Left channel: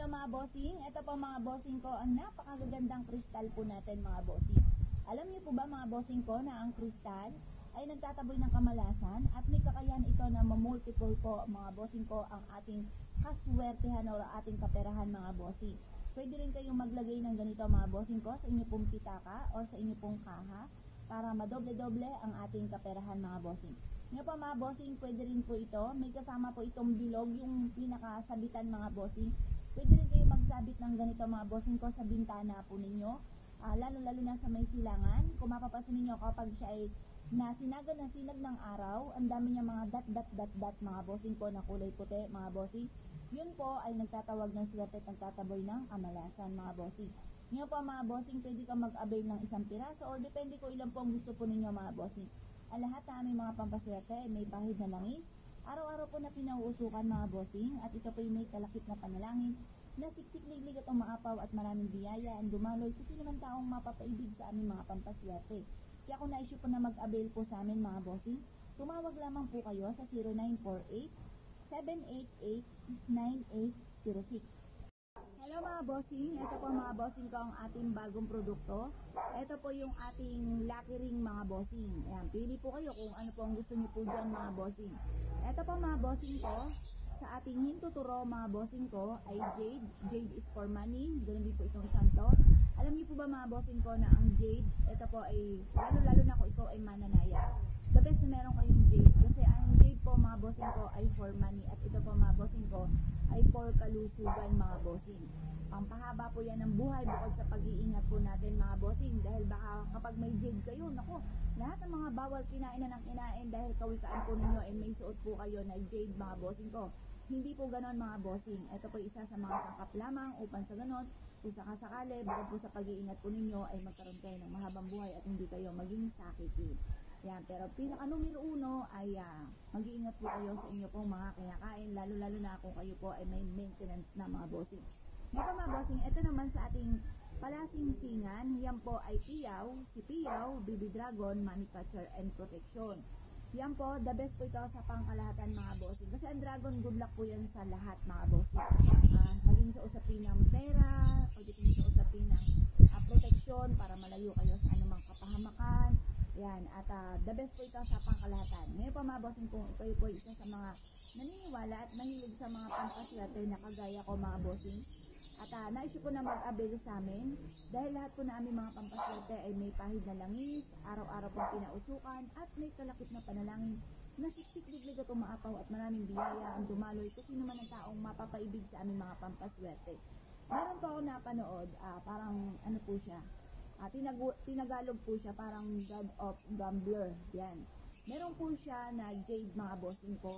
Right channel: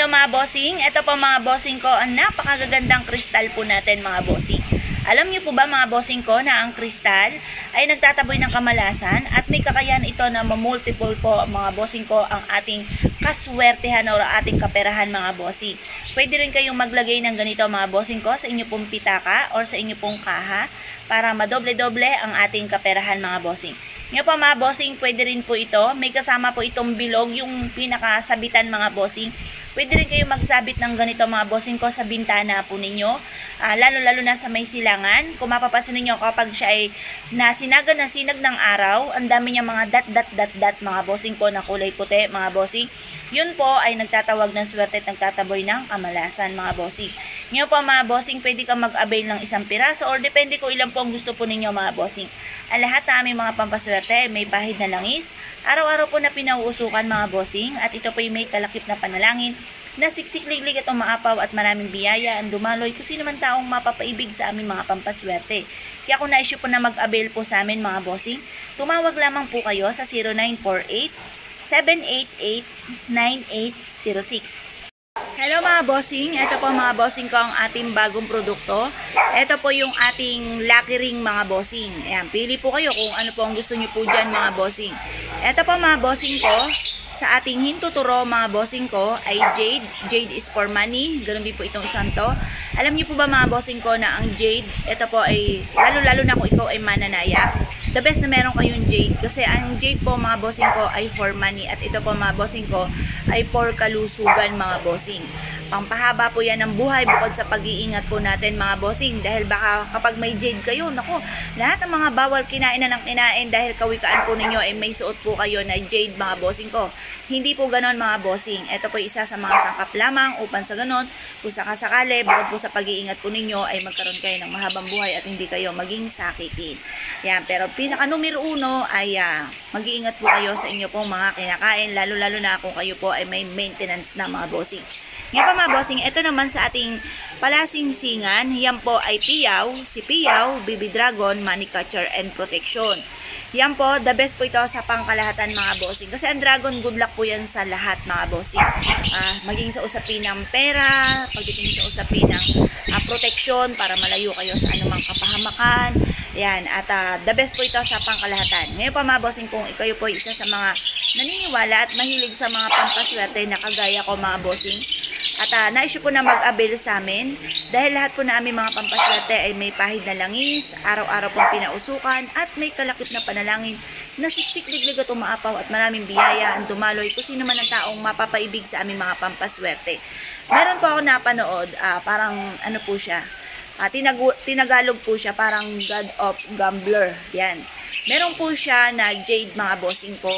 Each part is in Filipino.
Hello mga bossing, ito po mga bossing ko, ang napakagagandang kristal po natin mga bossing. Alam niyo po ba mga bossing ko na ang kristal ay nagtataboy ng kamalasan at may kakayahan ito na mamultiple po mga bossing ko ang ating kaswertehan o ating kaperahan mga bossing. Pwede rin kayong maglagay ng ganito mga bossing ko sa inyo pong pitaka or sa inyo pong kaha para madoble-doble ang ating kaperahan mga bossing. Ngayon po mga bossing, pwede rin po ito. May kasama po itong bilog, yung pinakasabitan mga bossing. Pwede rin kayo magsabit ng ganito mga bossing ko sa bintana po ninyo. Lalo-lalo na sa may silangan. Kung mapapasin ninyo kapag siya ay nasinag ng araw, ang dami niya mga dot mga bossing ko na kulay puti mga bossing. Yun po ay nagtatawag ng swerte at nagtataboy ng kamalasan mga bossing. Ngayon po mga bossing, pwede ka mag-avail ng isang piraso or depende kung ilan po ang gusto po ninyo mga bossing. Ang lahat na aming mga pampaswerte may pahid na langis. Araw-araw po na pinauusukan mga bossing at ito po ay may kalakip na panalangin na siksik-liglig at umaapaw at maraming biyaya ang dumaloy kung sino man taong mapapaibig sa aming mga pampaswerte. Kaya kung na-issue po na mag-avail po sa amin mga bossing, tumawag lamang po kayo sa 0948-788-9806. Hello mga bossing, ito po mga bossing ko ang ating bagong produkto. Ito po yung ating lucky ring mga bossing. Ayan, pili po kayo kung ano po ang gusto nyo po dyan mga bossing. Ito po mga bossing ko, sa ating hintuturo mga bossing ko ay jade. Jade is for money. Ganun din po itong isang to. Alam niyo po ba mga bossing ko na ang jade, ito po ay, lalo-lalo na kung ikaw ay mananaya, the best na meron kayong jade. Kasi ang jade po mga bossing ko ay for money. At ito po mga bossing ko ay for kalusugan mga bossing. Pampahaba po yan ng buhay bukod sa pag-iingat po natin mga bossing. Dahil baka kapag may jade kayo, nako, lahat ng mga bawal kinain na ng kinain dahil kawikaan po ninyo ay may suot po kayo na jade mga bossing ko. Hindi po ganon mga bossing. Ito po isa sa mga sangkap lamang upang sa ganon, kung sakasakali, bukod po sa pag-iingat po ninyo ay magkaroon kayo ng mahabang buhay at hindi kayo maging sakitin. Yan, pero pinaka numero uno ay mag-iingat po kayo sa inyo pong mga kinakain, lalo-lalo na kung kayo po ay may maintenance na mga bossing. Ngayon pa mga bossing, ito naman sa ating palasingsingan, yan po ay piyaw, si piyaw, baby dragon, money catcher and protection. Yan po, the best po ito sa pangkalahatan mga bossing. Kasi ang dragon, good luck po yan sa lahat mga bossing. Maging sa usapin ng pera, pagdating sa usapin ng protection para malayo kayo sa anumang kapahamakan. Yan, at the best po ito sa pangkalahatan. Ngayon pa mga bossing, kung ikaw po isa sa mga naniniwala at mahilig sa mga pampaswerte na kagaya ko mga bossing, at na-issue po na mag-avail sa amin dahil lahat po na aming mga pampaswerte ay may pahid na langis, araw-araw pong pinausukan at may kalakip na panalangin na siksik-liglig at umaapaw at maraming biyaya ang dumaloy kung sino man ang taong mapapaibig sa aming mga pampaswerte. Meron po ako napanood, parang ano po siya, tinagalog po siya, parang God of Gambler. Yan. Meron po siya na jade mga bossing ko.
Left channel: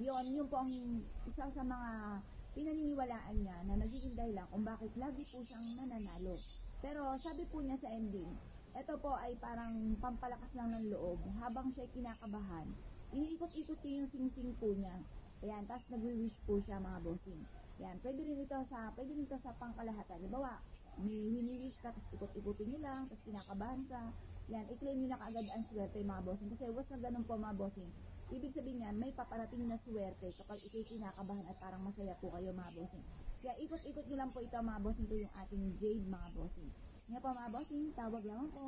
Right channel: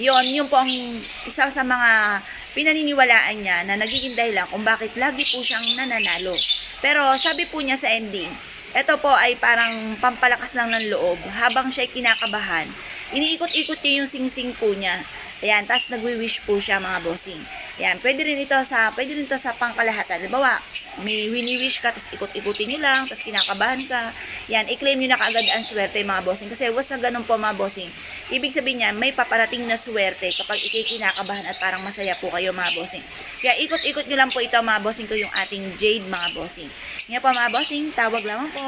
Yun po ang isa sa mga pinaniniwalaan niya na nagiging dahilan kung bakit lagi po siyang nananalo. Pero sabi po niya sa ending, ito po ay parang pampalakas lang ng loob. Habang siya ay kinakabahan, iniikot-ikot niya yung singsing po niya. Ayan, tapos nagwi-wish po siya mga bossing. Ayan, pwede rin ito sa pangkalahatan. Halimbawa, may wini-wish ka, tapos ikot-ikutin nyo lang, tapos kinakabahan ka. Ayan, i-claim nyo na kaagad ang swerte mga bossing. Kasi was na ganun po mga bossing. Ibig sabihin niya, may paparating na swerte kapag kinakabahan at parang masaya po kayo mga bossing. Kaya ikot-ikot nyo lang po ito mga bossing ko yung ating jade mga bossing. Ngayon po mga bossing, tawag lamang po.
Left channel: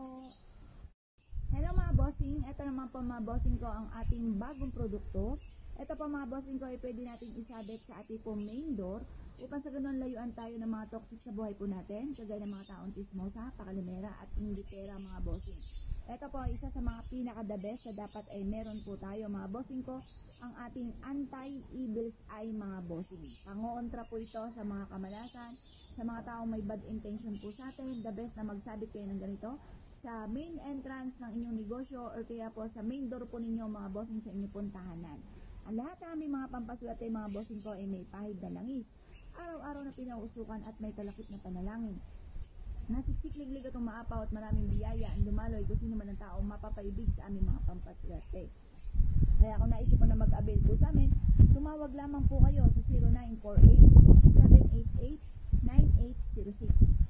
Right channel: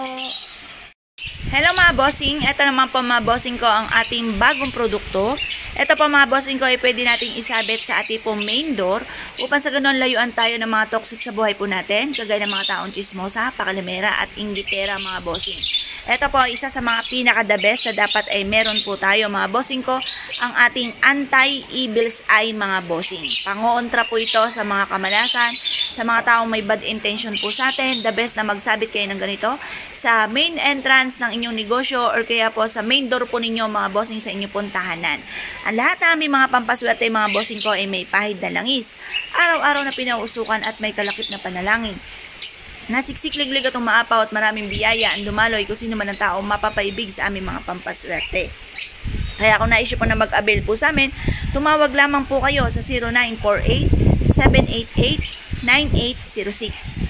Hello mga bossing, ito naman po mga bossing ko ang ating bagong produkto. Ito po mga bossing ko ay pwede nating isabit sa ating pong main door upang sa ganun layuan tayo ng mga toxic sa buhay po natin, kagaya ng mga taong chismosa, pakalimera at inggitera mga bossing. Ito po isa sa mga pinaka-the best na dapat ay meron po tayo mga bossing ko, ang ating anti-evil's eye mga bossing. Pangoontra po ito sa mga kamalasan, sa mga taong may bad intention po sa atin. The best na magsabit kayo ng ganito sa main entrance ng inyong negosyo or kaya po sa main door po ninyo mga bossing sa inyong pong tahanan. Ang lahat na aming mga pampaswerte mga bossing ko ay may pahid na langis, araw-araw na pinausukan at may kalakip na panalangin. Nasiksik-liglig at umaapaw at maraming biyaya ang dumaloy kung sino man ang tao mapapaibig sa aming mga pampaswerte. Kaya kung na-issue po na mag-avail po sa amin, tumawag lamang po kayo sa 0948-788-9806.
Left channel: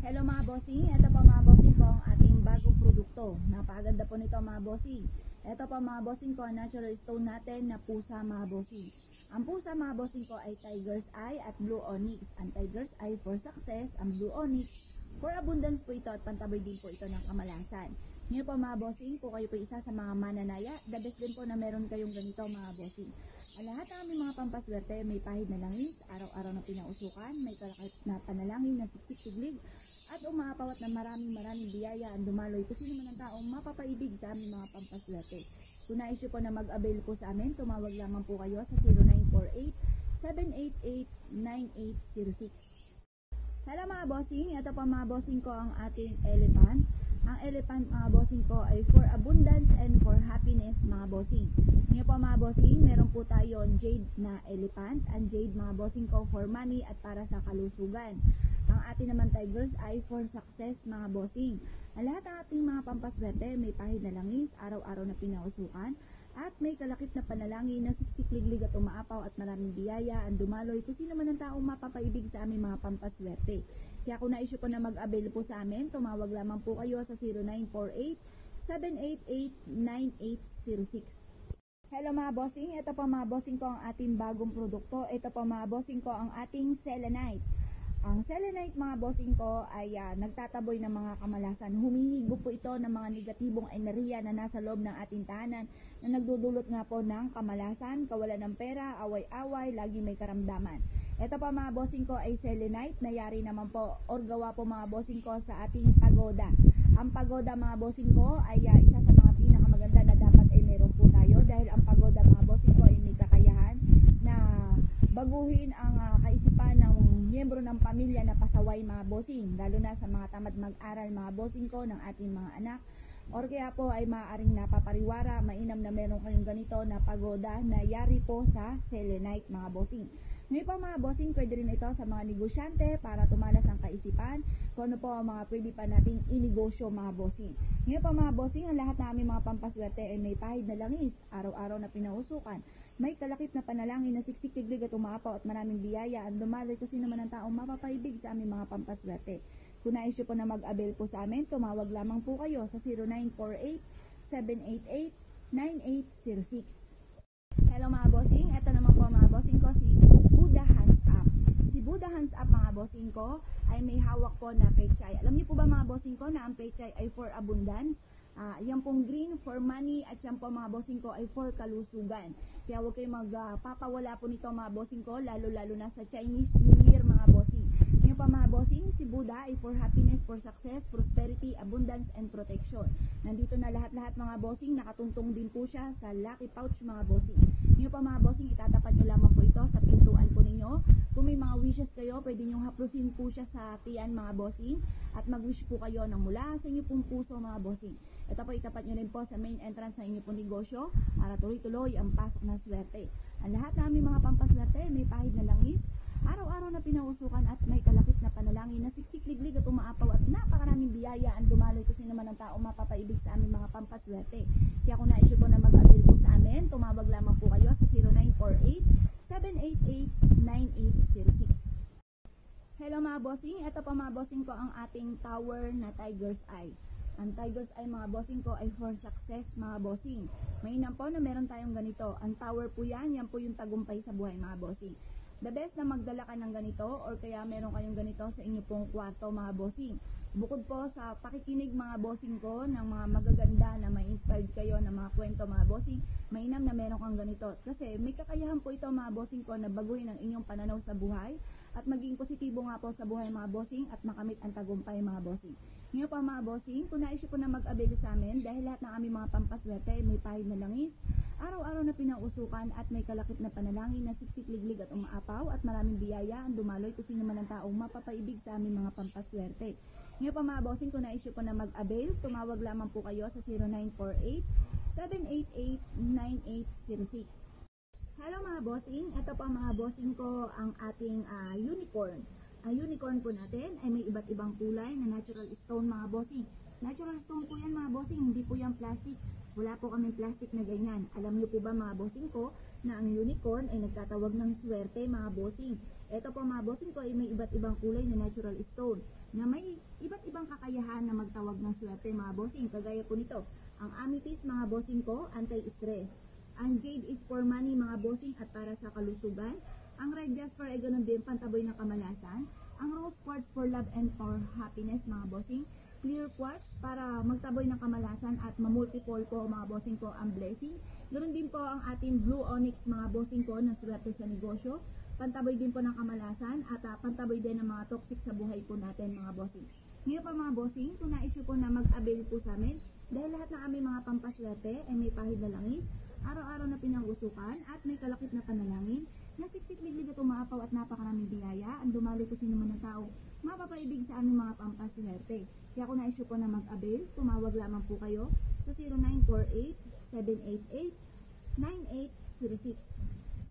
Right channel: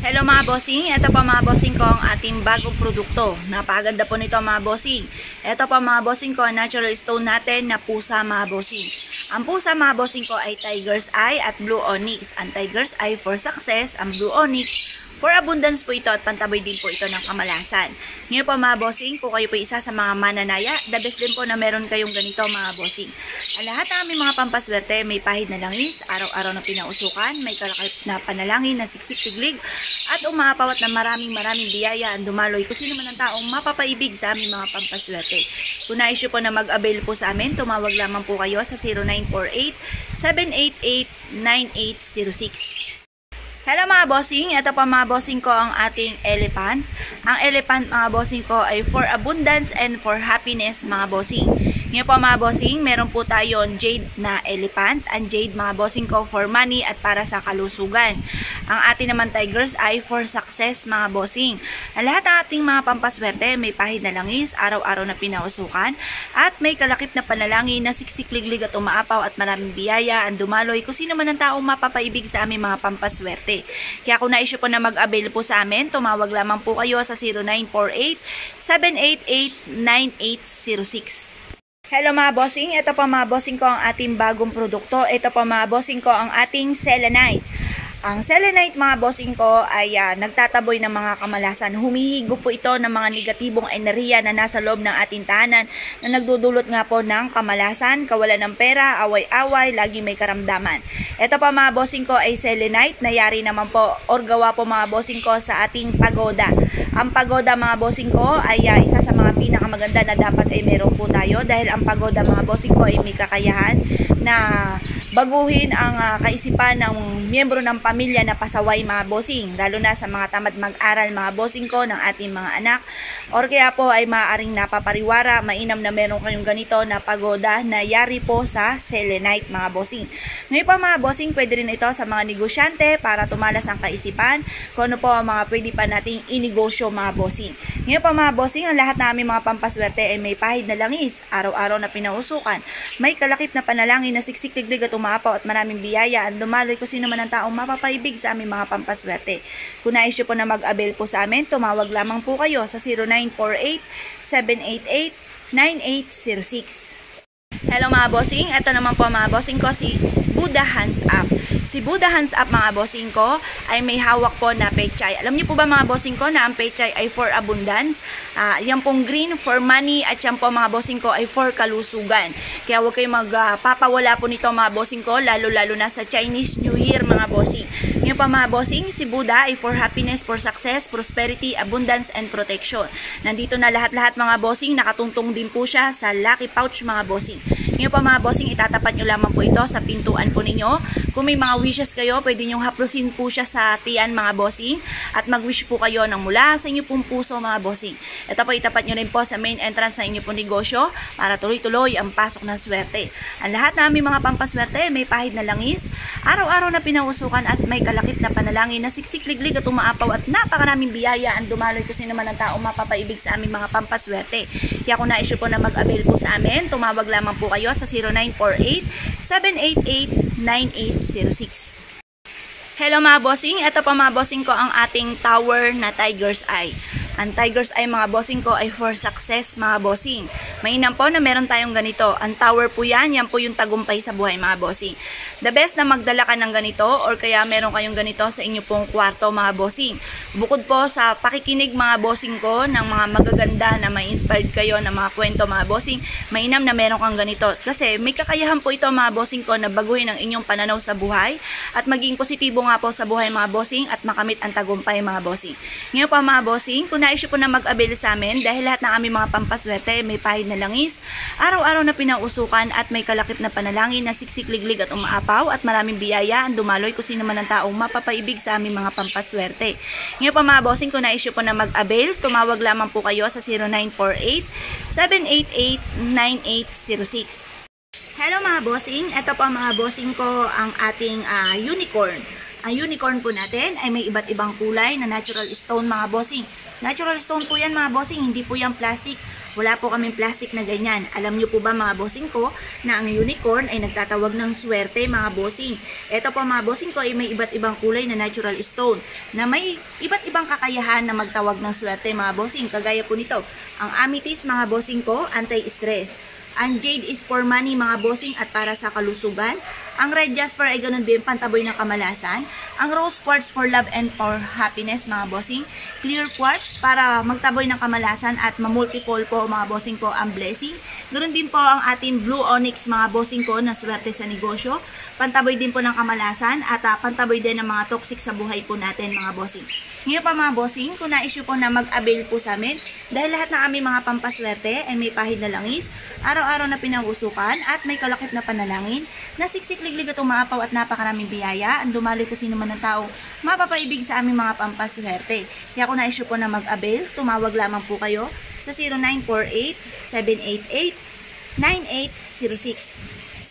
Hello mga bossing, ito pa mga bossing ko ang ating bagong produkto. Napakaganda po nito mga bossing. Ito pa mga bossing ko, natural stone natin na pusa mga bossing. Ang pusa mga bossing ko ay Tiger's Eye at Blue Onyx. Ang Tiger's Eye for success, ang Blue Onyx for abundance po ito at pantaboy din po ito ng kamalasan. Ngayon po mga bossing, kung kayo po isa sa mga mananaya, the best din po na meron kayong ganito mga bossing. Ang lahat ng aming mga pampaswerte, may pahid na langis, araw-araw na pinausukan, may kalakip na panalangin na siksik-tiglig, at umapawat na maraming biyaya ang dumaloy kung sino man ang taong mapapaibig sa aming mga pampaswerte. Kung nais nyo po na mag-avail po sa amin, tumawag lamang po kayo sa 0948-788-9806. Hello mga bossing, ito pa mga bossing ko ang ating elephant. Ang elephant mga bossing ko ay for abundance and for happiness mga bossing. Ngayon po mga bossing, meron po tayong jade na elephant. Ang jade mga bossing ko for money at para sa kalusugan. Ang ating naman Tiger's Eye for success mga bossing. Ang lahat ng ating mga pampaswerte may pahid na langis, araw-araw na pinausukan, at may kalakip na panalangin na siksik-liglig at umaapaw at maraming biyaya ang dumaloy kung sino man ang taong mapapaibig sa aming mga pampaswerte. Kaya kung nais nyo po na mag-avail po sa amin, tumawag lamang po kayo sa 0948-788-9806. Hello mga bossing, ito pa mga bossing ko ang ating bagong produkto. Ito pa mga bossing ko ang ating selenite. Ang selenite mga bossing ko ay nagtataboy ng mga kamalasan. Humihigop po ito ng mga negatibong enerhiya na nasa loob ng ating tahanan na nagdudulot nga po ng kamalasan, kawalan ng pera, away-away, lagi may karamdaman. Ito pa mga bossing ko ay selenite, nayari naman po or gawa po mga bossing ko sa ating pagoda. Ang pagoda mga bossing ko ay isa sa mga pinakamaganda na dapat ay meron po tayo dahil ang pagoda mga bossing ko ay may kakayahan na baguhin ang kaisipan ng miyembro ng pamilya na pasaway mga bossing, lalo na sa mga tamad mag-aral mga bossing ko ng ating mga anak, or kaya po ay maaaring napapariwara, mainam na meron kayong ganito na pagoda na yari po sa selenite mga bossing. Ngayon pa mga bossing, pwede rin ito sa mga negosyante para tumalas ang kaisipan kung ano po ang mga pwede pa nating inegosyo mga bossing. Ngayon pa mga bossing, ang lahat na aming mga pampaswerte ay may pahid na langis, araw-araw na pinausukan, may kalakip na panalangin na siksik-tiglig at umaapaw at maraming biyaya ang dumaloy kung sino man ang taong mapapaibig sa aming mga pampaswerte. Kung nais nyo po na mag-avail po sa amin, tumawag lamang po kayo sa 0948-788-9806. Hello mga bossing, ito naman po mga bossing ko si Buddha Hands Up. Si Buddha Hands Up mga bossing ko ay may hawak po na pechay. Alam niyo po ba mga bossing ko na ang pechay ay for abundance? Yan pong green for money at yan po mga bossing ko ay for kalusugan. Kaya huwag kayong magpapawala po nito mga bossing ko, lalo-lalo na sa Chinese New Year mga bossing. Yan pa mga bossing, si Buddha ay for happiness, for success, prosperity, abundance, and protection. Nandito na lahat-lahat mga bossing, nakatuntong din po siya sa lucky pouch mga bossing. Ngayon pa mga bossing, itatapat nyo lamang po ito sa pintuan po ninyo. Kung may mga wishes kayo, pwede nyong haplusin po siya sa tiyan mga bossing at mag-wish po kayo ng mula sa inyo pong puso mga bossing. Ito po itapat nyo rin po sa main entrance sa inyo pong negosyo para tuloy-tuloy ang pasok ng swerte. Ang lahat na aming mga pampaswerte may pahid na langis, araw-araw na pinausukan at may kalakip na panalangin na siksik-liglig at umaapaw at napakaraming biyaya ang dumaloy kung sino man ang taong mapapaibig sa aming mga pampaswerte. Kaya kung nais po na mag-avail po sa amin, tumawag lamang po kayo sa 0948-788-9806. Hello mga bossing, ito pa mga bossing ko ang ating tower na Tiger's Eye. Ang Tiger's Eye mga bossing ko ay for success mga bossing. Mainam po na meron tayong ganito. Ang tower po yan po yung tagumpay sa buhay mga bossing. The best na magdala ka ng ganito or kaya meron kayong ganito sa inyo pong kwarto mga bossing. Bukod po sa pakikinig mga bossing ko ng mga magaganda na may inspired kayo ng mga kwento mga bossing, mainam na meron kang ganito. Kasi may kakayahan po ito mga bossing ko na baguhin ang inyong pananaw sa buhay at maging positibo nga po sa buhay mga bossing at makamit ang tagumpay mga bossing. Ngayon pa mga bossing, kung nais po na mag-avail sa amin dahil lahat ng aming mga pampaswerte may pahid na langis, araw-araw na pinausukan at may kalakip na panalangin na siksik-liglig at umaapaw at maraming biyaya ang dumaloy kung sino man ang taong mapapaibig sa aming mga pampaswerte. Ngayon pa mga bossing, kung nais po na mag-avail, tumawag lamang po kayo sa 0948-788-9806. Hello mga bossing, ito pa mga bossing ko ang ating unicorn. Ang unicorn po natin ay may iba't ibang kulay na natural stone mga bossing. Natural stone po yan mga bossing, hindi po yan plastic. Wala po kaming plastic na ganyan. Alam nyo po ba mga bossing ko na ang unicorn ay nagtatawag ng swerte mga bossing. Ito po mga bossing ko ay may iba't ibang kulay na natural stone na may iba't ibang kakayahan na magtawag ng swerte mga bossing. Kagaya po nito, ang amethyst mga bossing ko, anti-stress. Ang jade is for money mga bossing at para sa kalusugan. Ang red jasper ay ganun din, pantaboy ng kamalasan. Ang rose quartz for love and for happiness mga bossing. Clear quartz para magtaboy ng kamalasan at mamultiple po mga bossing ko ang blessing. Ganun din po ang ating blue onyx mga bossing ko na swerte sa negosyo. Pantaboy din po ng kamalasan at pantaboy din ng mga toxic sa buhay po natin mga bossing. Ngayon pa mga bossing, kung na-issue po na mag-avail po sa amin, dahil lahat ng aming mga pampaswerte ay may pahid na langis, araw-araw na pinangusukan at may kalakip na panalangin, na siksik-liglig at umaapaw at napakaraming biyaya, ang dumali ko sino man ng tao, mapapaibig sa aming mga pampaswerte. Kaya kung na-issue po na mag-avail, tumawag lamang po kayo sa 0948-788-9806.